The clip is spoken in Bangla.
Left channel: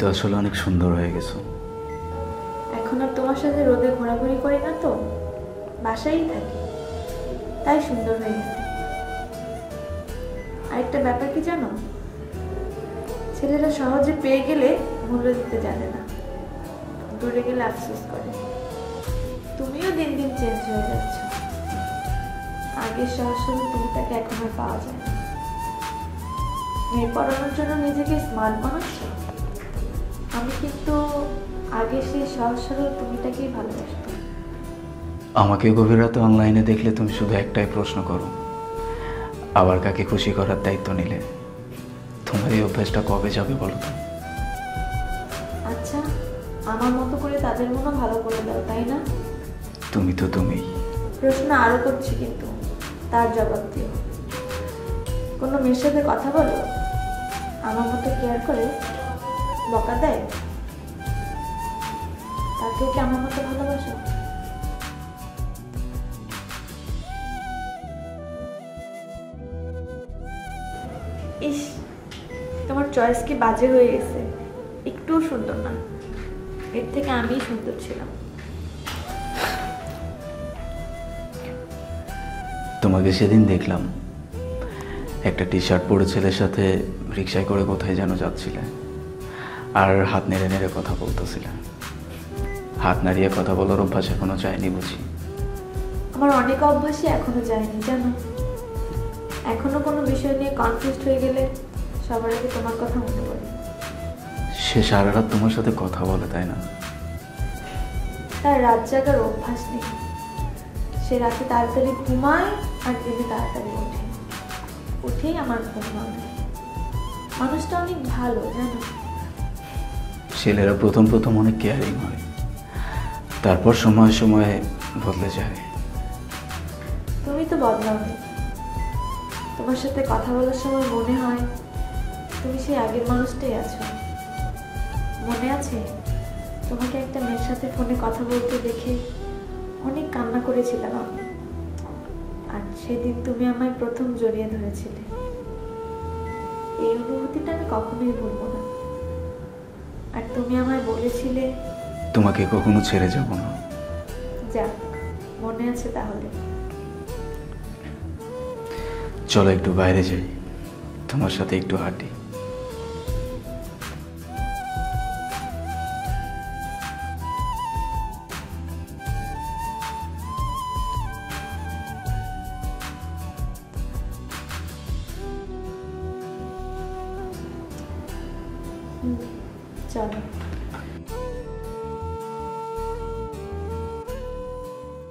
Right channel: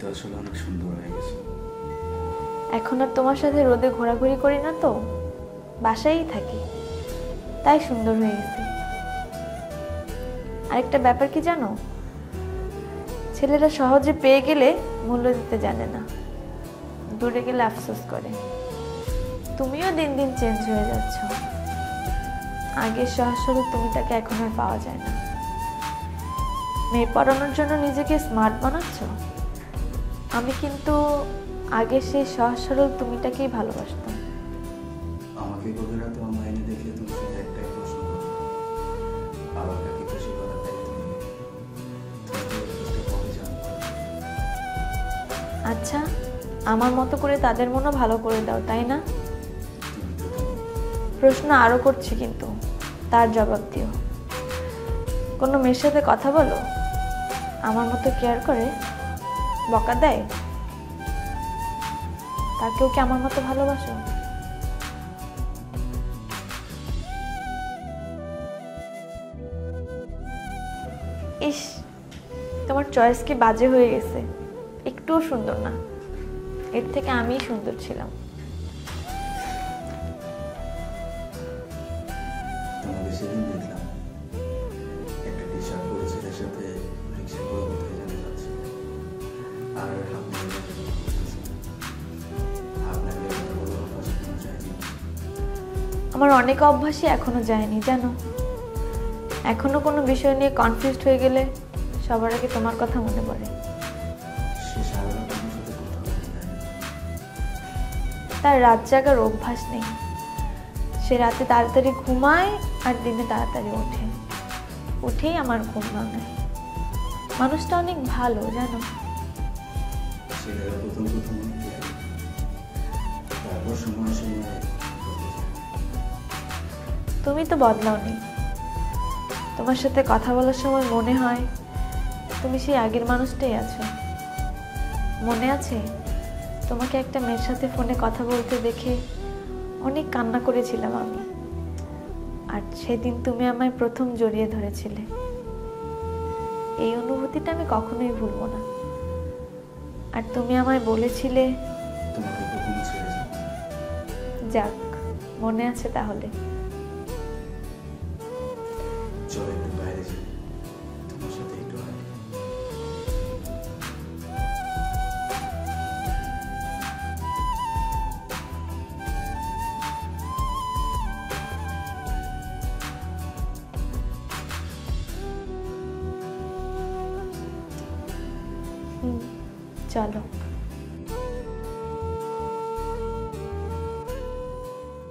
তো আসলে অনেক সুন্দর হয়ে গেছো। এখন আর তোমার সাথে রোদে ঘোরাঘুরি করি না তো, বাসায়ই থাকি, তাই সুন্দর হয়ে গেছে। আরেকটা ব্যাপার কি জানো, ছেলেরা সহজে পেয়ে গেলে মূল্য দিতে জানে না, ধরে গেলে আফসোস করে। তুমিও দিন দিন চেঞ্জ হয়ে যাচ্ছ, আগের সহজ তুমি তাকে এখন আর পাওয়া যায় না। মেয়ে পড়ানোর জন্য নিজেকে স্মার্ট বানাচ্ছ, আমি কিন্তু আগে সেই সহজ সরল তুমিটাকেই ভালোবাসতাম। আমাকে গভীর রাতে অনলাইনে দেখলে তুমি শুধু একটাই প্রশ্ন করো, আবার কাকে খুশি করার দায়িত্ব নিলে? তোমার এই অভ্যাসটা কবে যাবে বলো? আচ্ছা, আমার মতো করে তাদের মনে ভালো করে দাও, তাই না? তুমি তো তুমি। প্রশ্ন আরো করছি, কিন্তু তার জবাব দিও। কোনো মেয়ের সাথে কথা বলো, আমার মতো কেয়ার করে, বকা দেয়, আর কেউ কি আমার মতো ভালোবাসো? ইস, তোমার চয়েস কি বাজে হয়ে গেছে, একটুও সুন্দর না। এর থেকে আমিই সুন্দর ছিলাম। তোমাকে সেদিন দেখলাম একটা টি শার্ট পরে ছেলের সাথে রিক্সায় করে কোথায় যেন যাচ্ছিলে, আর হাত নেড়ে নেড়ে কথা বলতেছিলে। হাত নাড়িয়ে কথা বলার অভ্যাস এখনো যায়নি বুঝি? আমার অনেক অভ্যাসই এখনো যায়নি জানো। এখনো কোনো বিষয় নিয়ে কনফিউজড হয়ে গেলে সবার আগে তোমার কথা মনে পড়ে। সে সারা রাত তোমার সাথে কথা বলে, তাই না? তার রাত জাগার অভ্যাস নেই, সে রাতে তাড়াতাড়ি ঘুমায় আর দিনে তাড়াতাড়ি ওঠে, উঠেই আমার ঘুম ভাঙে। মানুষটা অনেক ভালো জানো। ছেলেরা প্রথম প্রথম অনেক কেয়ারিং হয়, তারপর সময় সময়ে বদলে যায়। তুমি তো বদলাওনি, তোমার সাথে কথা বলার সময় মনে হয় তুমি সেই আগের মানুষটাই আছো। মনে আছে তোমাকে একটা মেয়ের সাথে ফোনে কথা বলতে দেখে অনেক কান্না করেছিলাম আমি, আর সেদিন তুমি আমায় প্রথম জড়িয়ে ধরেছিলে। এই অনুভূতিটা আমি কখনোই ভুলবো না। আর তুমি আমায় বলেছিলে তোমাকে কখনো ছেড়ে যাব না। যাক, মনে আছে তাহলে। চলো একটু বাইরে যাই, তোমার সাথে একটু হাঁটি। চলো।